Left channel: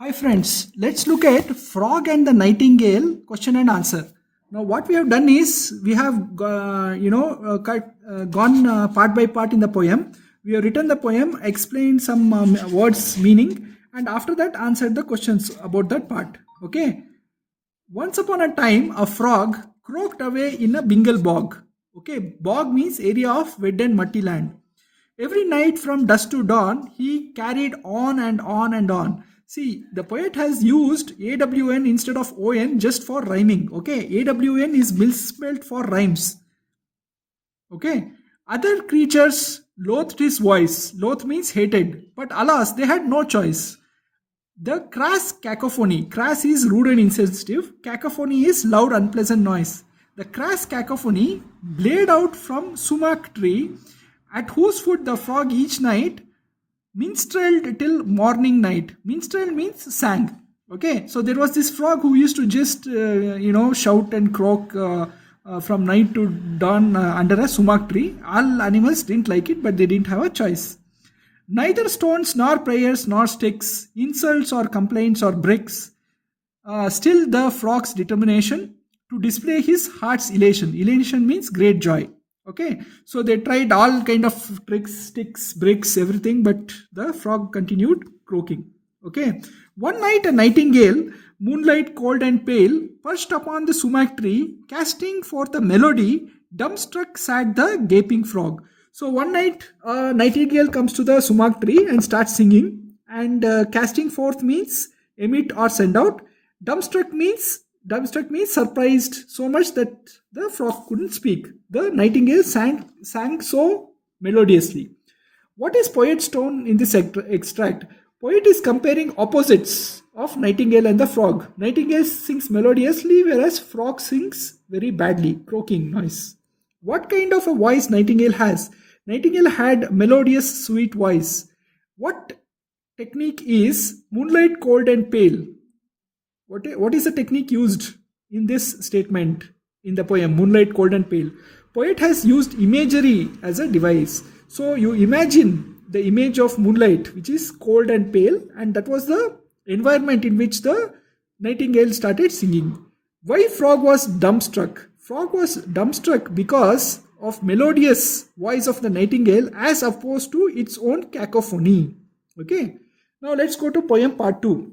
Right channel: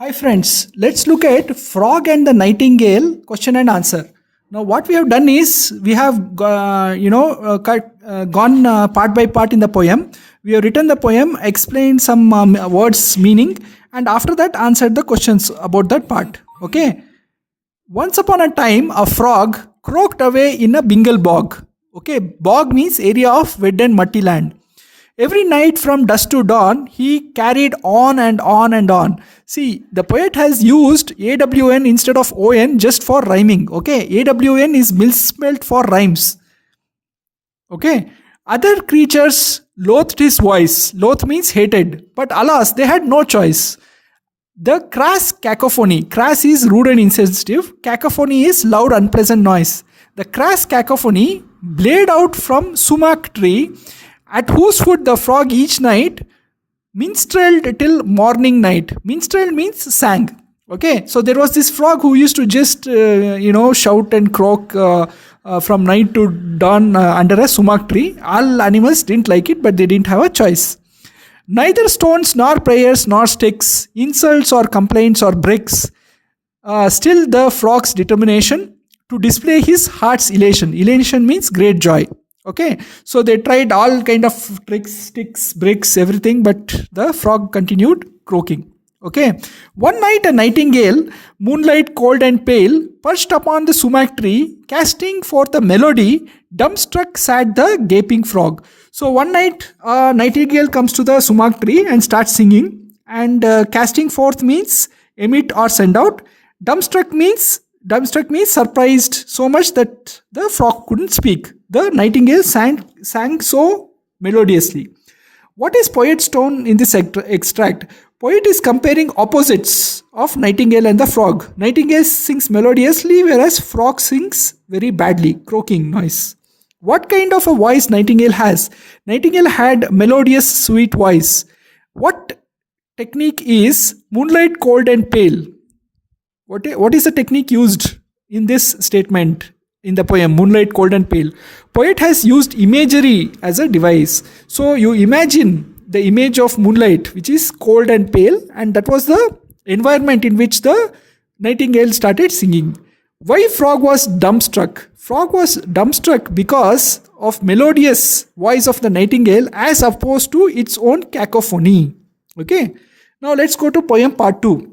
Hi friends, let's look at frog and the nightingale question and answer. Now what we have done is we have gone part by part in the poem. We have written the poem, explained some words meaning, and after that answered the questions about that part. Okay. Once upon a time, a frog croaked away in a Bengal bog. Okay, bog means area of wet and muddy land. Every night from dusk to dawn, he carried on and on and on. See, the poet has used AWN instead of ON just for rhyming. Okay, AWN is misspelled for rhymes. Okay, other creatures loathed his voice. Loath means hated. But alas, they had no choice. The crass cacophony. Crass is rude and insensitive. Cacophony is loud, unpleasant noise. The crass cacophony blared out from sumac tree, at whose foot the frog each night minstrelled till morning night. Minstrel means sang. Okay, so there was this frog who used to just shout and croak from night to dawn under a sumac tree. All animals didn't like it, but they didn't have a choice. Neither stones nor prayers nor sticks, insults or complaints or bricks, still the frog's determination to display his heart's elation. Elation means great joy. Okay, so they tried all kind of tricks, sticks, bricks, everything, but the frog continued croaking. Okay, one night a nightingale, moonlight cold and pale, perched upon the sumac tree, casting forth a melody, dumbstruck sat the gaping frog. So one night a nightingale comes to the sumac tree and starts singing, and casting forth means emit or send out. Dumbstruck means surprised so much that the frog couldn't speak. The nightingale sang so melodiously. What is poet's tone in this extract? Poet is comparing opposites of nightingale and the frog. Nightingale sings melodiously, whereas frog sings very badly, croaking noise. What kind of a voice nightingale has? Nightingale had melodious, sweet voice. What technique is moonlight cold and pale? What is the technique used in this statement in the poem Moonlight Cold and Pale? Poet has used imagery as a device. So you imagine the image of moonlight, which is cold and pale, and that was the environment in which the nightingale started singing. Why frog was dumbstruck? Frog was dumbstruck because of melodious voice of the nightingale as opposed to its own cacophony. Okay. Now let's go to poem part 2.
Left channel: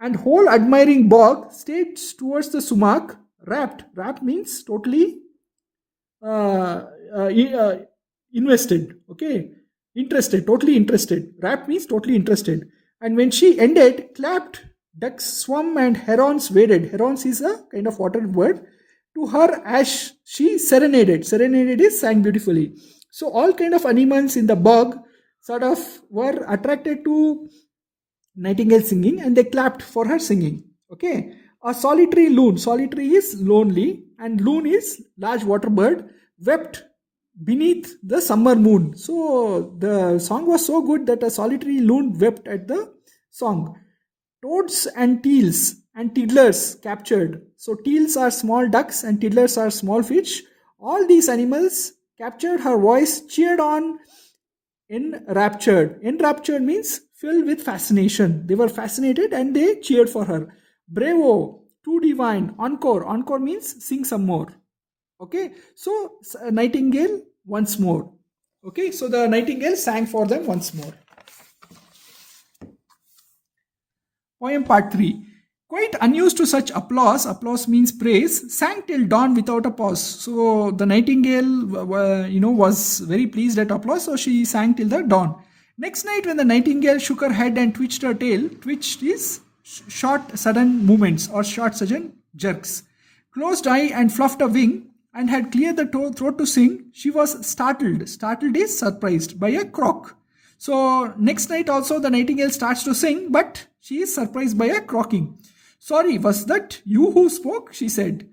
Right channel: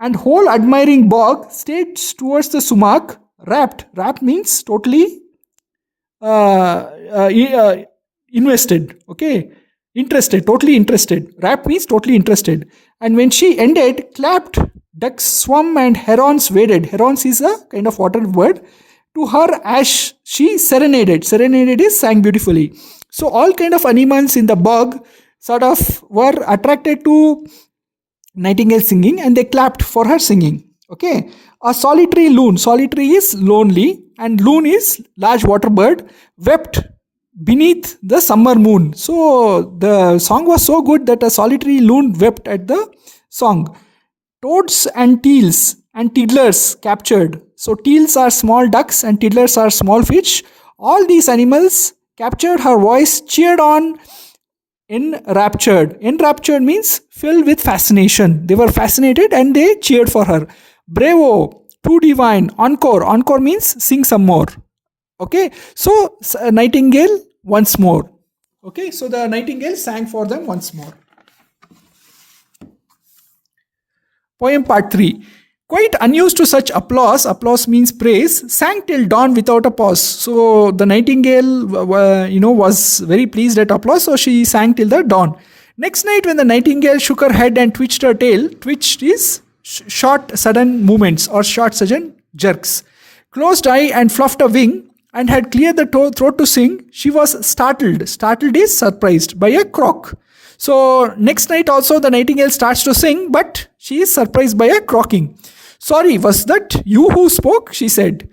And whole admiring bog stares towards the sumac, rapt. Rapt means totally uh, uh, invested. Okay, interested, totally interested. Rapt means totally interested. And when she ended, clapped, ducks swum and herons waded. Herons is a kind of water bird. To her as she serenaded. Serenaded is sang beautifully. So all kind of animals in the bog sort of were attracted to nightingale singing and they clapped for her singing. Okay, a solitary loon. Solitary is lonely and loon is large water bird, wept beneath the summer moon. So the song was so good that a solitary loon wept at the song. Toads and teals and tiddlers captured. So teals are small ducks and tiddlers are small fish. All these animals captured her voice, cheered on. Enraptured. Enraptured means filled with fascination. They were fascinated and they cheered for her. Bravo, too divine. Encore. Encore means sing some more. Okay, so nightingale once more. Okay, so the nightingale sang for them once more. Poem part 3. Quite unused to such applause means praise, sang till dawn without a pause. So the nightingale, was very pleased at applause, so she sang till the dawn. Next night, when the nightingale shook her head and twitched her tail, twitched is short sudden movements or short sudden jerks, closed eye and fluffed a wing, and had cleared the throat to sing, she was startled. Startled is surprised by a croak. So next night also the nightingale starts to sing, but she is surprised by a croaking. Sorry, was that you who spoke? She said.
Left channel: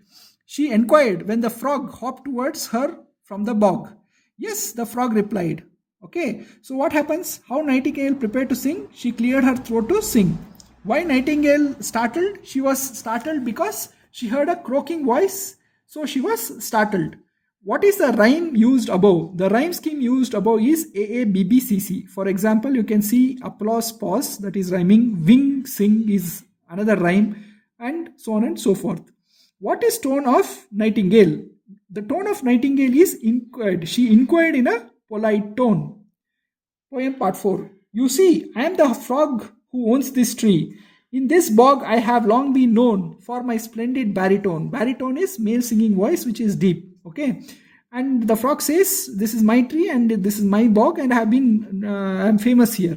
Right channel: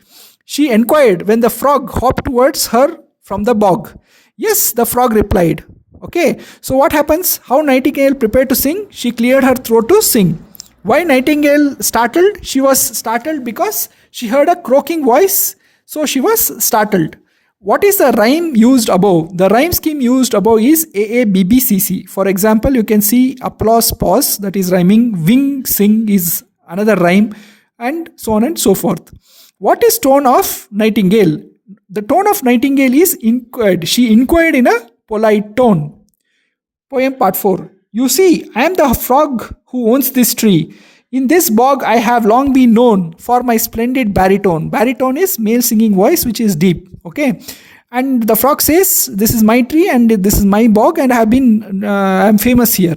She inquired when the frog hopped towards her from the bog. Yes, the frog replied. Okay, so what happens? How nightingale prepared to sing? She cleared her throat to sing. Why nightingale startled? She was startled because she heard a croaking voice, so she was startled. What is the rhyme used above? The rhyme scheme used above is AABBCC. For example, you can see applause, pause, that is rhyming. Wing, sing is another rhyme, and so on and so forth. What is tone of Nightingale? The tone of Nightingale is inquired. She inquired in a polite tone. Poem part 4. You see, I am the frog who owns this tree. In this bog, I have long been known for my splendid baritone. Baritone is male singing voice, which is deep. Okay. And the frog says, this is my tree and this is my bog, and I'm famous here.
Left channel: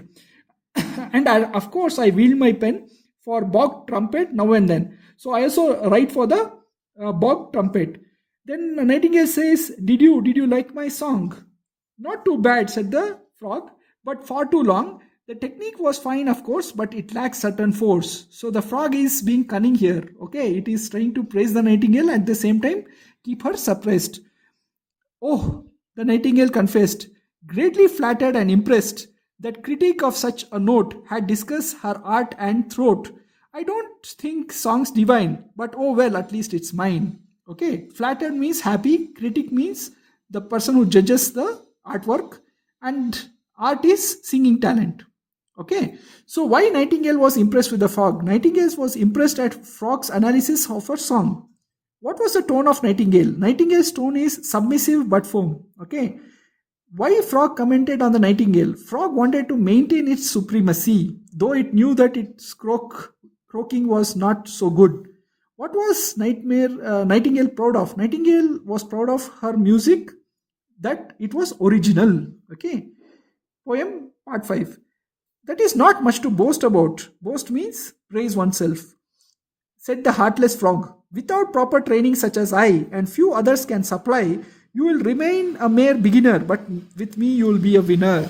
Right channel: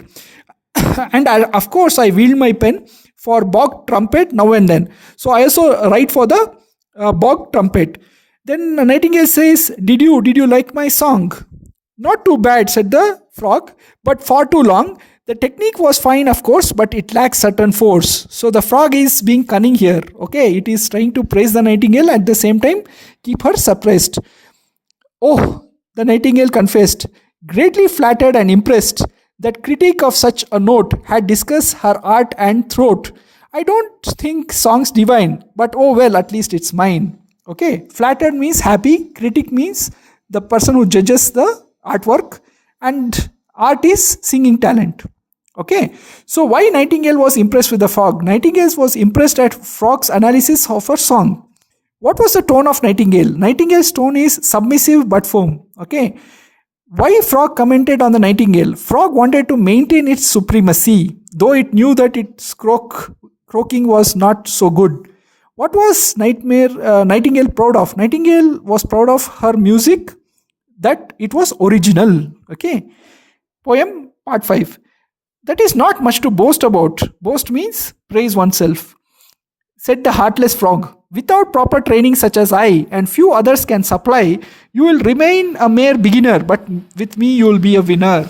And of course, I wield my pen for bog trumpet now and then. So I also write for the bog trumpet. Then Nightingale says, Did you like my song? Not too bad, said the frog, but far too long. The technique was fine, of course, but it lacks certain force. So the frog is being cunning here. Okay, it is trying to praise the nightingale, at the same time keep her suppressed. Oh, the nightingale confessed, greatly flattered and impressed, that critic of such a note had discussed her art and throat. I don't think songs divine, but oh well, at least it's mine. Okay, flattered means happy, critic means the person who judges the artwork, and art is singing talent. Okay, so why Nightingale was impressed with the frog? Nightingale was impressed at frog's analysis of her song. What was the tone of Nightingale? Nightingale's tone is submissive but firm. Okay, why frog commented on the nightingale? Frog wanted to maintain its supremacy, though it knew that its croaking was not so good. What was Nightingale proud of? Nightingale was proud of her music, that it was original. Okay. Poem part 5. That is not much to boast about. Boast means praise oneself. Said the heartless frog, without proper training such as I and few others can supply, you will remain a mere beginner, but with me you will be a winner.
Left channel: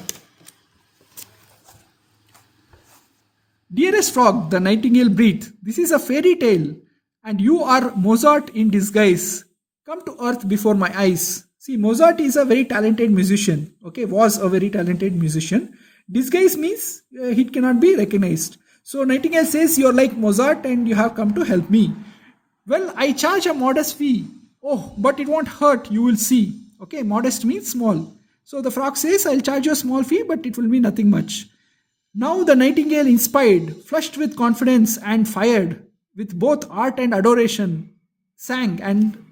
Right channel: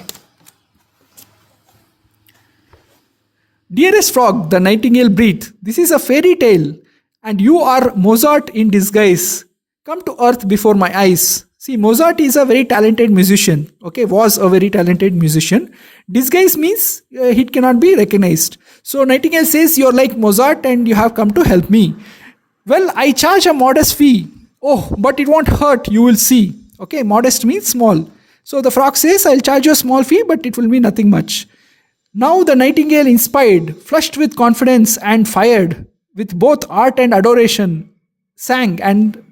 Dearest frog, the nightingale breathed, this is a fairy tale, and you are Mozart in disguise. Come to earth before my eyes. See, Mozart is a very talented musician. Okay, was a very talented musician. Disguise means he cannot be recognized. So Nightingale says, you're like Mozart and you have come to help me. Well, I charge a modest fee. Oh, but it won't hurt, you will see. Okay, modest means small. So the frog says, I'll charge you a small fee, but it will be nothing much. Now the nightingale, inspired, flushed with confidence and fired with both art and adoration, sang and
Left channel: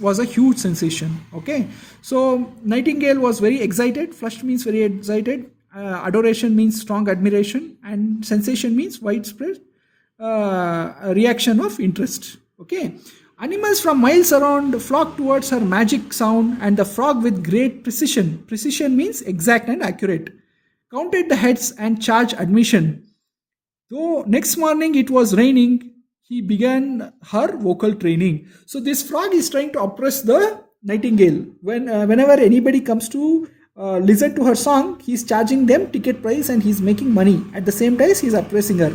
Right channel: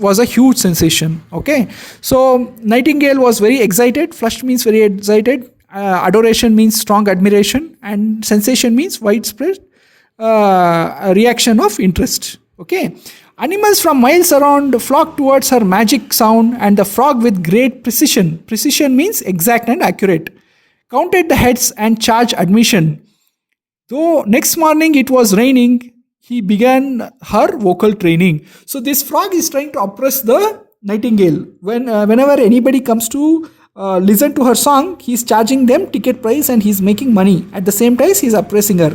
was a huge sensation. Okay, so Nightingale was very excited. Flushed means very excited. Adoration means strong admiration, and sensation means widespread reaction of interest. Okay, animals from miles around flocked towards her magic sound, and the frog with great precision. Precision means exact and accurate. Counted the heads and charged admission. Though next morning it was raining, he began her vocal training. So this frog is trying to oppress the nightingale. Whenever anybody comes to listen to her song, he's charging them ticket price and he's making money. At the same time, he's oppressing her.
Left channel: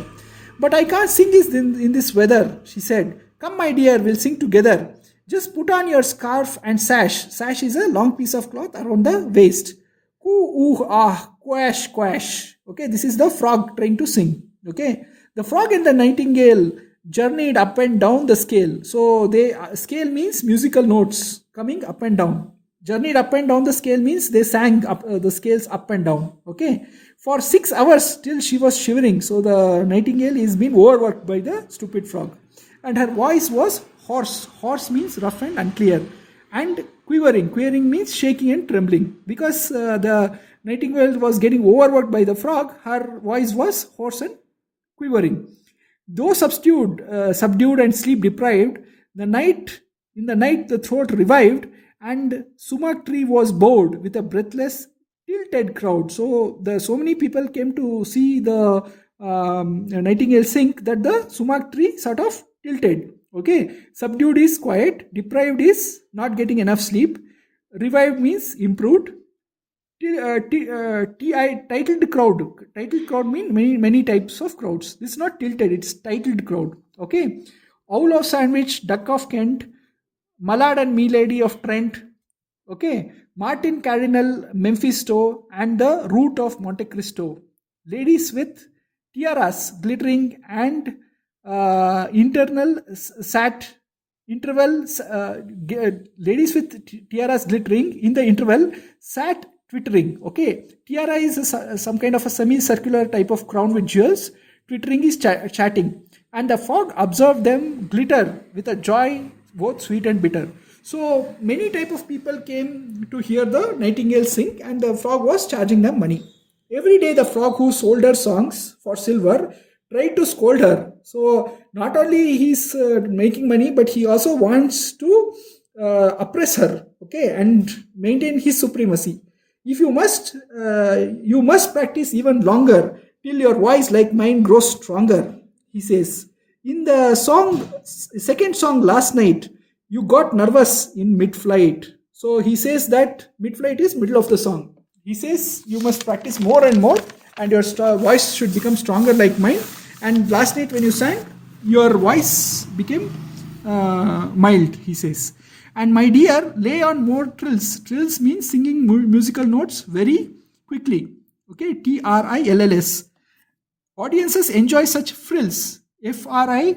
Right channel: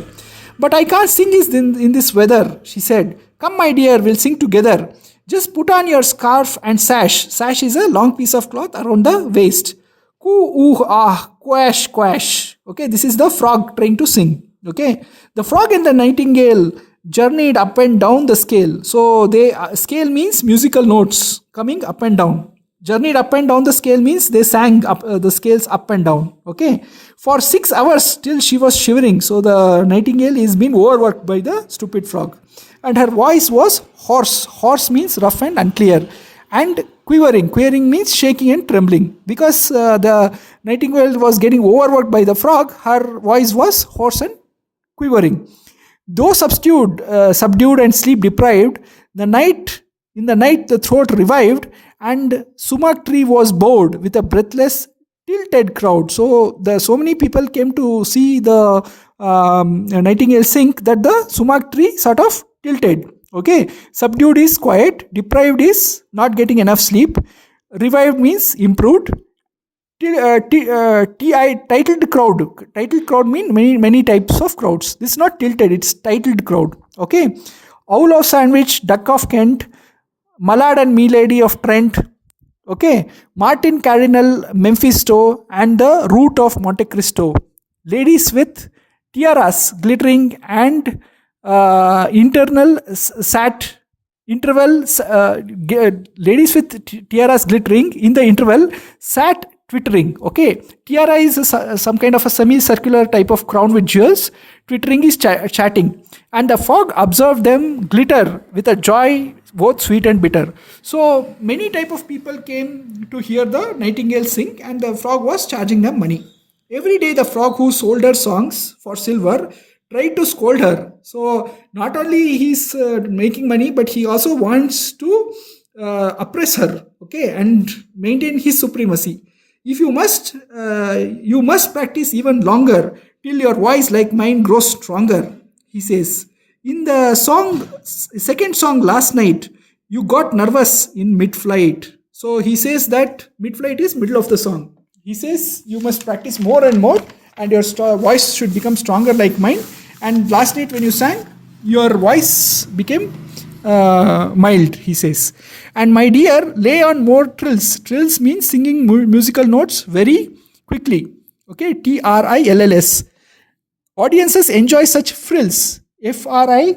But I can't sing in this weather, she said. Come, my dear, we'll sing together. Just put on your scarf and sash. Sash is a long piece of cloth around the waist. Coo, ooh, ah, quash, quash. Okay, this is the frog trying to sing. Okay, the frog and the nightingale journeyed up and down the scale. So scale means musical notes coming up and down. Journeyed up and down the scale means they sang up the scales up and down. Okay, for 6 hours till she was shivering. So the nightingale is being overworked by the stupid frog, and her voice was hoarse. Hoarse means rough and unclear, and quivering. Quivering means shaking and trembling. Because the nightingale was getting overworked by the frog, her voice was hoarse and quivering. Though subdued and sleep deprived, in the night the throat revived, and sumac tree was bowed with a breathless, tilted crowd. So so many people came to see the nightingale sing that the sumac tree sort of tilted. Okay, subdued is quiet, deprived is not getting enough sleep, revived means improved. Titled crowd. Titled crowd means many types of crowds. This is not tilted, it's titled crowd. Okay. Owl of Sandwich, Duck of Kent, Mallard and Milady of Trent. Okay. Martin Cardinal, Mephisto, and the Root of Monte Cristo. Ladies with tiaras glittering and internal sat Intervals, ladies with tiaras glittering in the interval sat twittering. Okay, tiara is some kind of a semicircular type of crown with jewels. Twittering is chatting, and the frog observed them glitter with a joy both sweet and bitter. So many type of people came to hear the nightingale sing, and the frog was charging them money. Every day, the frog who sold her songs for silver tried to scold her. So not only he's making money, but he also wants to oppress her, okay, and maintain his supremacy. If you must practice even longer till your voice like mine grows stronger. He says in the second song last night, you got nervous in mid-flight. So he says that mid-flight is middle of the song. He says you must practice more and more, and your voice should become stronger like mine. And last night when you sang, your voice became mild, he says. And my dear, lay on more trills. Trills means singing musical notes very quickly. Okay, TRILLS. Audiences enjoy such frills. FRILLS.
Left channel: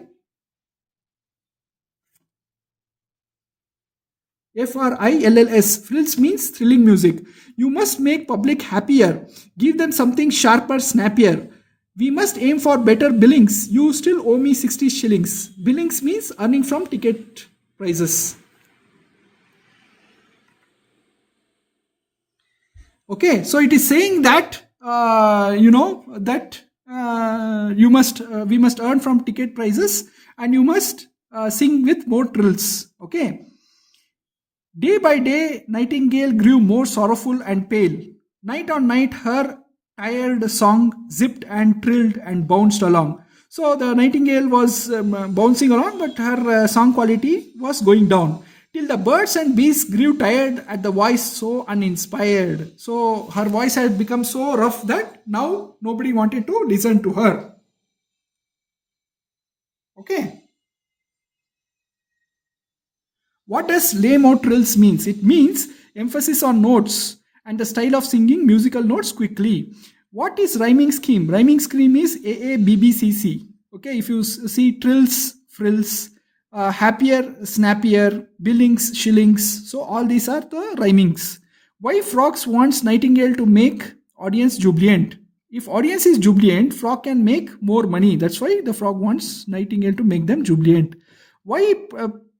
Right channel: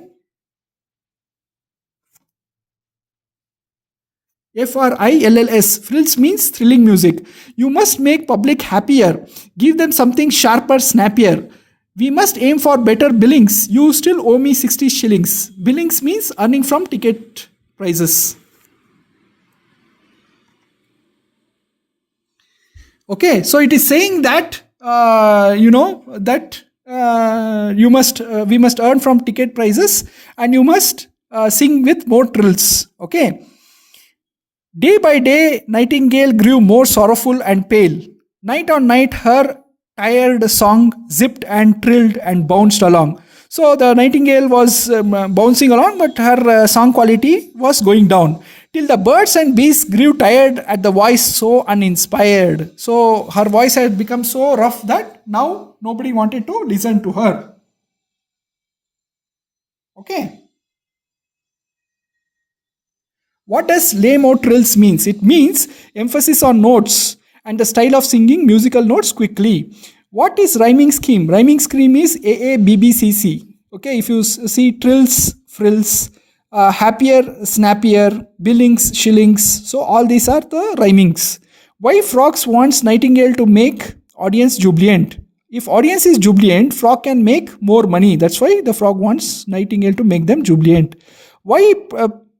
Frills means thrilling music. You must make public happier. Give them something sharper, snappier. We must aim for better billings. You still owe me 60 shillings. Billings means earning from ticket prices. Okay, so it is saying that we must earn from ticket prices, and you must sing with more trills. Okay. Day by day, Nightingale grew more sorrowful and pale. Night on night, her tired song zipped and trilled and bounced along. So the Nightingale was bouncing along, but her song quality was going down. Till the birds and bees grew tired at the voice so uninspired. So her voice had become so rough that now nobody wanted to listen to her. Okay. What does lame or trills means? It means emphasis on notes and the style of singing musical notes quickly. What is rhyming scheme? Rhyming scheme is AABBCC. Okay, if you see trills, frills, happier, snappier, billings, shillings. So all these are the rhymings. Why frogs wants Nightingale to make audience jubilant? If audience is jubilant, frog can make more money. That's why the frog wants Nightingale to make them jubilant. Why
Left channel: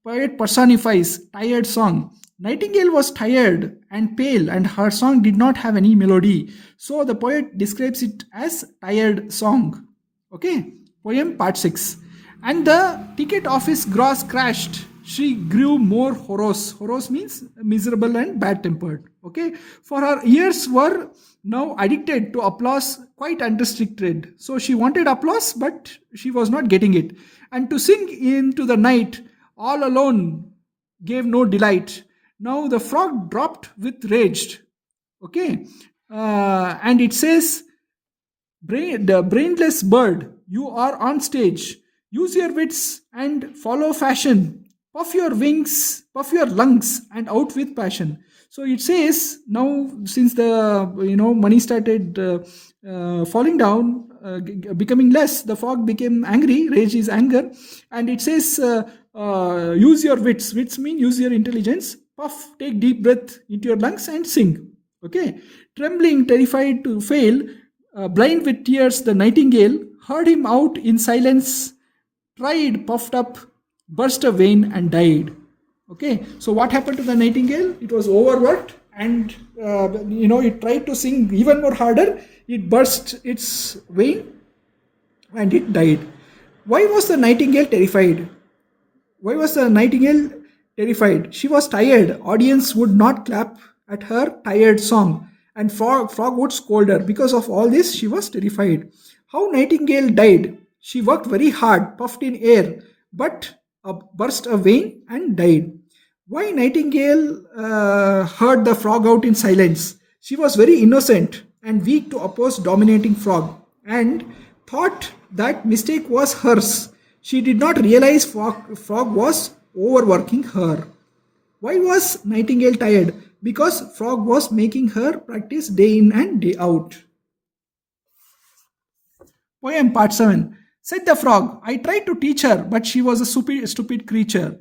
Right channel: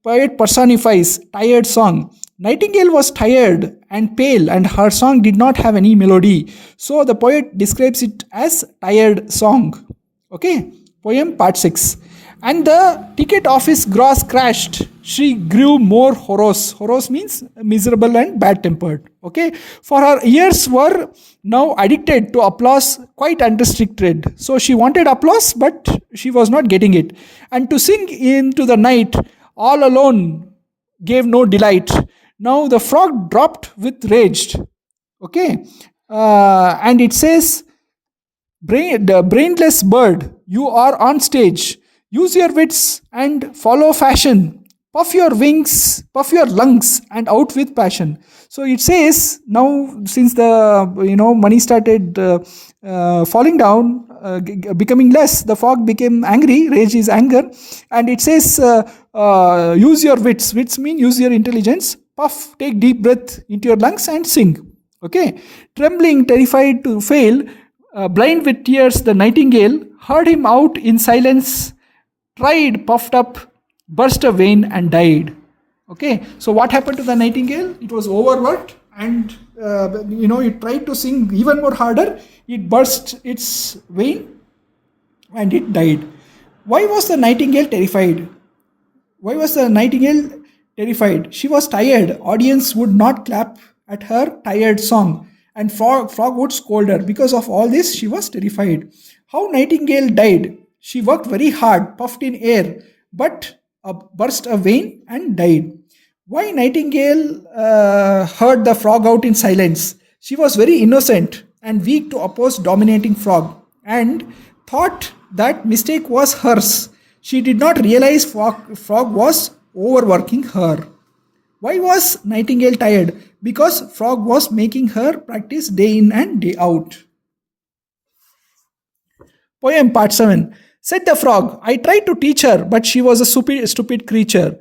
poet personifies tired song? Nightingale was tired and pale, and her song did not have any melody. So the poet describes it as tired song. Okay, poem part 6. And the ticket office gross crashed. She grew more morose. Morose means miserable and bad tempered. Okay, for her ears were now addicted to applause quite unrestricted. So she wanted applause, but she was not getting it. And to sing into the night all alone gave no delight. Now the frog dropped with rage. Okay, and it says, the brainless bird, you are on stage. Use your wits and follow fashion. Puff your wings, puff your lungs, and out with passion. So it says now, since the money started falling down, becoming less, the frog became angry. Rage is anger, and it says, use your wits. Wits mean use your intelligence. Puff, take deep breath into your lungs and sing. Okay, trembling, terrified to fail, blind with tears, the nightingale heard him out in silence, tried, puffed up, burst a vein, and died. Okay, so what happened to the nightingale? It was overworked, and it tried to sing even more harder. It burst its vein, and it died. Why was the nightingale terrified? Why was the nightingale terrified? She was tired. Audience would not clap at her tired song, and frog would scold her. Because of all this, she was terrified. How Nightingale died? She worked very hard, puffed in air, but burst a vein and died. Why Nightingale heard the frog out in silence? She was very innocent and weak to oppose dominating frog, and thought that mistake was hers. She did not realize frog was overworking her. Why was Nightingale tired? Because frog was making her practice day in and day out. Poem part 7. Said the frog, I tried to teach her, but she was a stupid creature.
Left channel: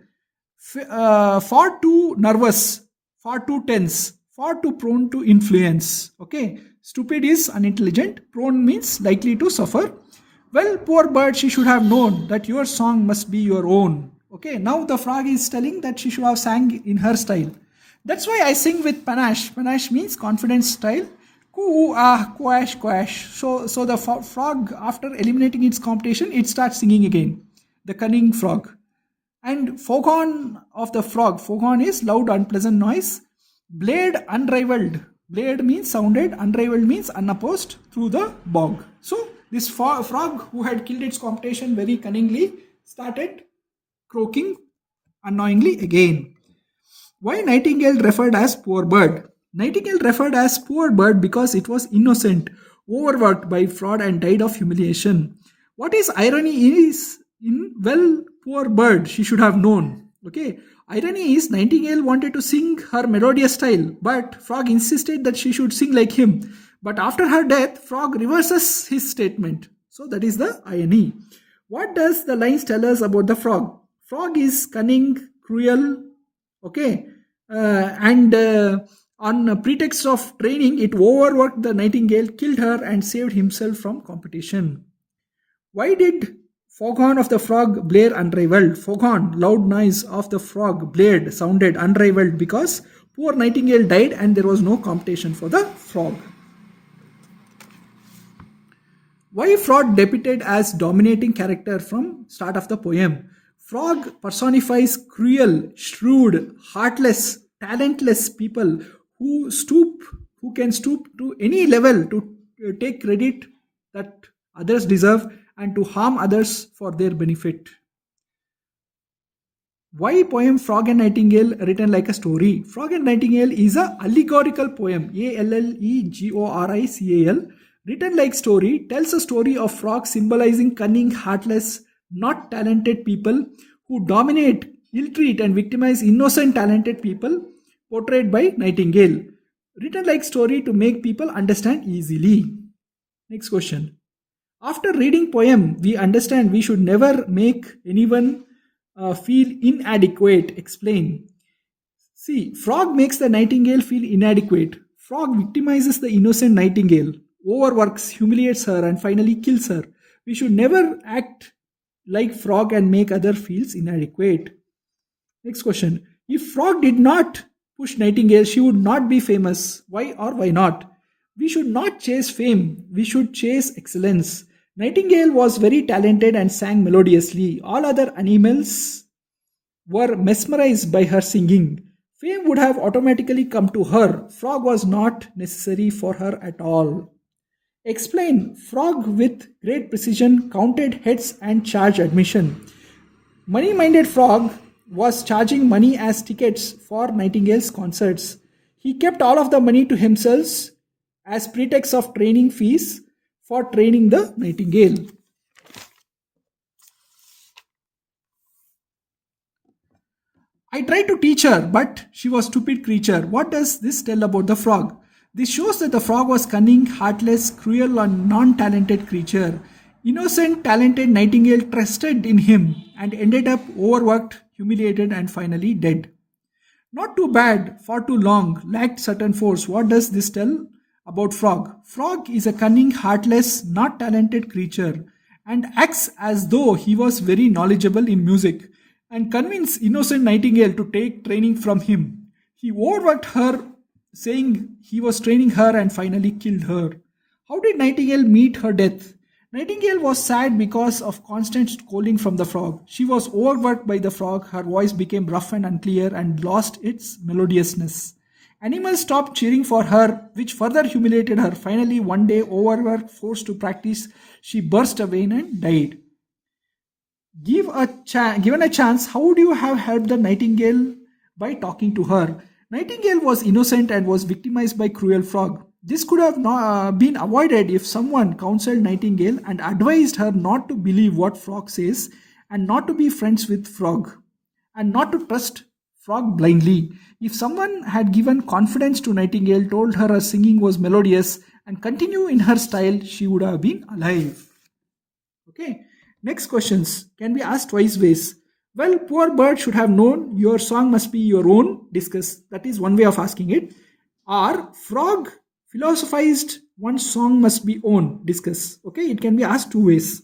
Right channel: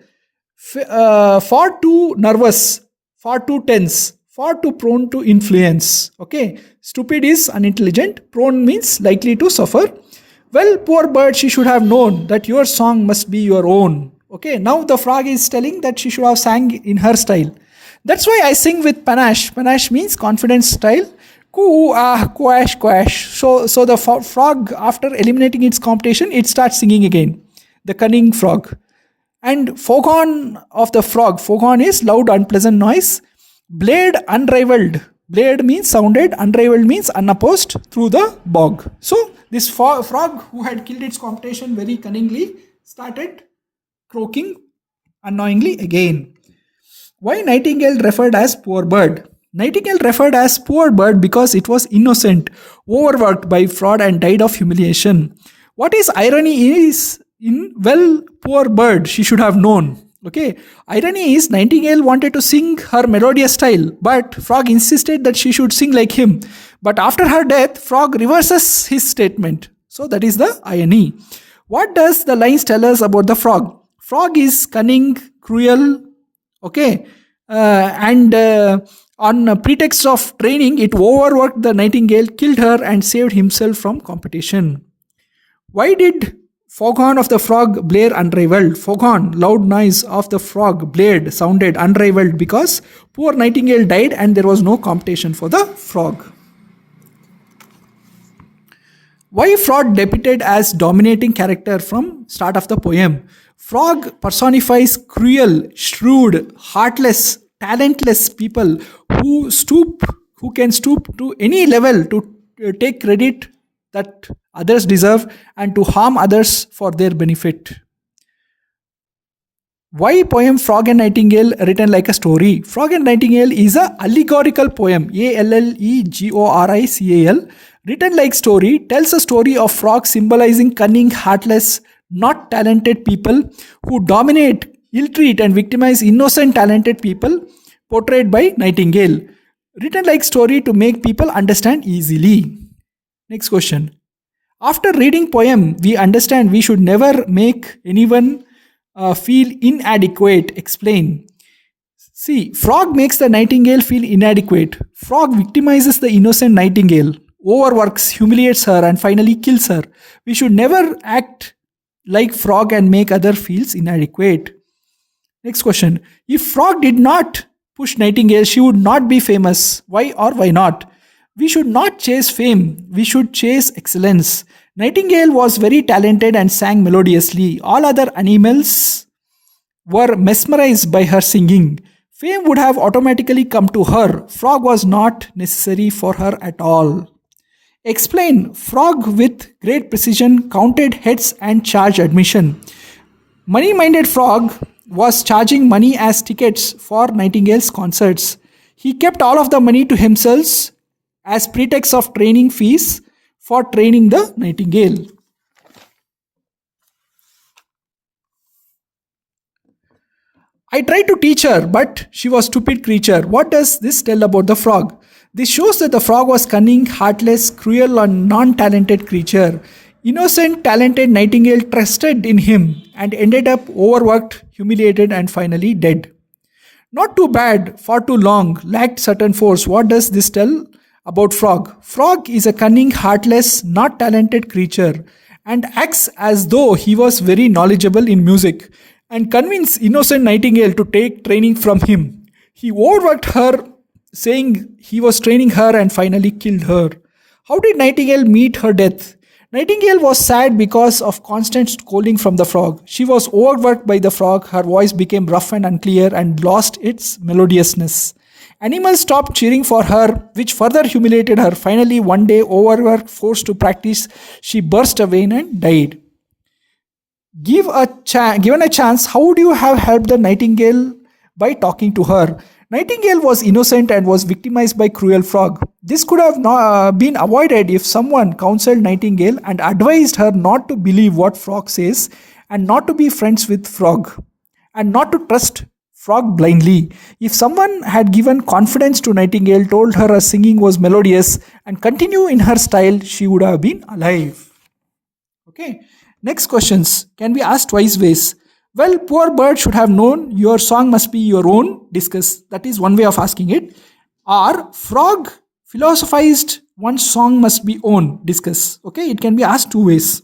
Far too nervous, far too tense, far too prone to influence. Okay, stupid is unintelligent, prone means likely to suffer. Well, poor bird, she should have known that your song must be your own. Okay, now the frog is telling that she should have sang in her style. That's why I sing with panache. Panache means confident style. Coo, ah, quash, quash. So the frog, after eliminating its competition, it starts singing again. The cunning frog. And foghorn of the frog. Foghorn is loud, unpleasant noise. Blade unrivaled. Blade means sounded, unrivaled means unopposed through the bog. So this frog who had killed its competition very cunningly started croaking annoyingly again. Why Nightingale referred as poor bird? Nightingale referred as poor bird because it was innocent, overworked by fraud and died of humiliation. What is irony is in well, poor bird, she should have known. Okay, irony is Nightingale wanted to sing her melodious style, but Frog insisted that she should sing like him. But after her death, Frog reverses his statement. So that is the irony. What does the lines tell us about the frog? Frog is cunning, cruel, okay, and on a pretext of training, it overworked the Nightingale, killed her, and saved himself from competition. Why did foghorn of the frog blare unrivaled? Foghorn, loud noise of the frog blared, sounded unrivaled because poor Nightingale died and there was no competition for the frog. Why frog depicted as dominating character from start of the poem? Frog personifies cruel, shrewd, heartless, talentless people who can stoop to any level to take credit that others deserve and to harm others for their benefit. Why poem Frog and Nightingale written like a story? Frog and Nightingale is a allegorical poem, Allegorical, written like story, tells a story of frogs symbolizing cunning, heartless, not talented people who dominate, ill-treat and victimize innocent talented people portrayed by Nightingale. Written like story to make people understand easily. Next question. After reading poem, we understand we should never make anyone feel inadequate. Explain. See, frog makes the nightingale feel inadequate. Frog victimizes the innocent nightingale, overworks, humiliates her, and finally kills her. We should never act like frog and make other feels inadequate. Next question. If frog did not push nightingale, she would not be famous. Why or why not? We should not chase fame. We should chase excellence. Nightingale was very talented and sang melodiously. All other animals were mesmerized by her singing. Fame would have automatically come to her. Frog was not necessary for her at all. Explain. Frog with great precision counted heads and charged admission. Money-minded frog was charging money as tickets for Nightingale's concerts. He kept all of the money to himself as pretext of training fees for training the nightingale. I tried to teach her, but she was a stupid creature. What does this tell about the frog? This shows that the frog was cunning, heartless, cruel, and non-talented creature. Innocent, talented nightingale trusted in him and ended up overworked, humiliated, and finally dead. Not too bad, far too long, lacked certain force. What does this tell about frog? Frog is a cunning, heartless, not talented creature and acts as though he was very knowledgeable in music and convinced innocent nightingale to take training from him. He overworked her, saying he was training her and finally killed her. How did Nightingale meet her death? Nightingale was sad because of constant scolding from the frog. She was overworked by the frog, her voice became rough and unclear and lost its melodiousness. Animals stopped cheering for her, which further humiliated her. Finally, one day, overworked, forced to practice, she burst away and died. Given a chance, how would you have helped the nightingale? By talking to her. Nightingale was innocent and was victimized by cruel frog. This could have been avoided if someone counseled Nightingale and advised her not to believe what frog says and not to be friends with frog and not to trust frog blindly. If someone had given confidence to Nightingale, told her her singing was melodious and continue in her style, she would have been alive. Okay. Next questions can be asked twice ways. Well, poor bird should have known your song must be your own. Discuss. That is one way of asking it. Or frog philosophized one song must be own. Discuss. Okay, it can be asked two ways.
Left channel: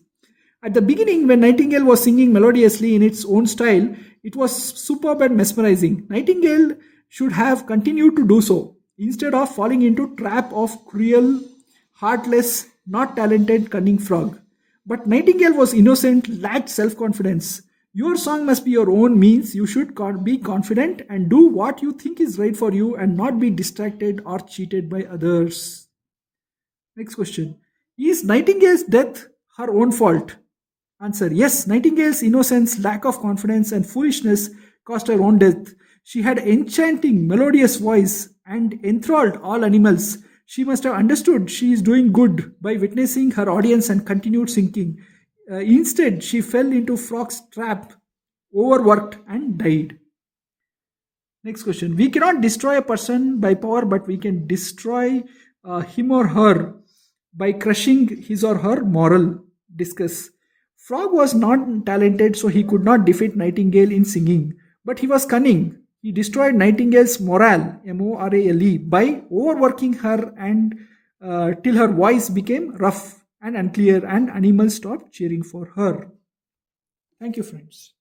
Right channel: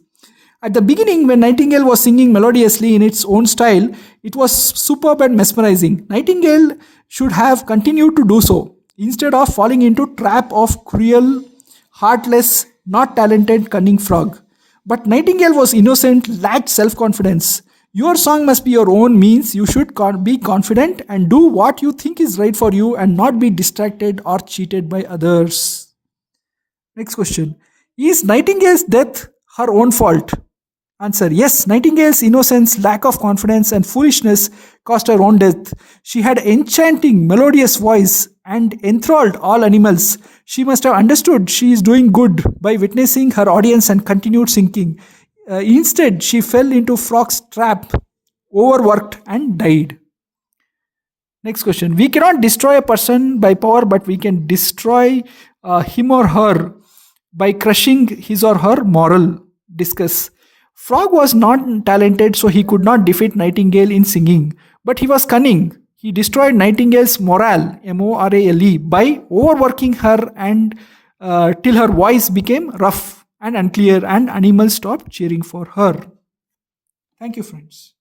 At the beginning, when Nightingale was singing melodiously in its own style, it was superb and mesmerizing. Nightingale should have continued to do so instead of falling into trap of cruel, heartless, not talented, cunning frog. But Nightingale was innocent, lacked self-confidence. Your song must be your own means you should be confident and do what you think is right for you and not be distracted or cheated by others. Next question. Is Nightingale's death her own fault? Answer. Yes, Nightingale's innocence, lack of confidence, and foolishness caused her own death. She had enchanting, melodious voice and enthralled all animals. She must have understood she is doing good by witnessing her audience and continued singing. Instead, she fell into frog's trap, overworked, and died. Next question. We cannot destroy a person by power, but we can destroy him or her by crushing his or her moral. Discuss. Frog was not talented, so he could not defeat Nightingale in singing, but he was cunning. He destroyed Nightingale's morale, morale, by overworking her and till her voice became rough and unclear, and animals stopped cheering for her. Thank you, friends.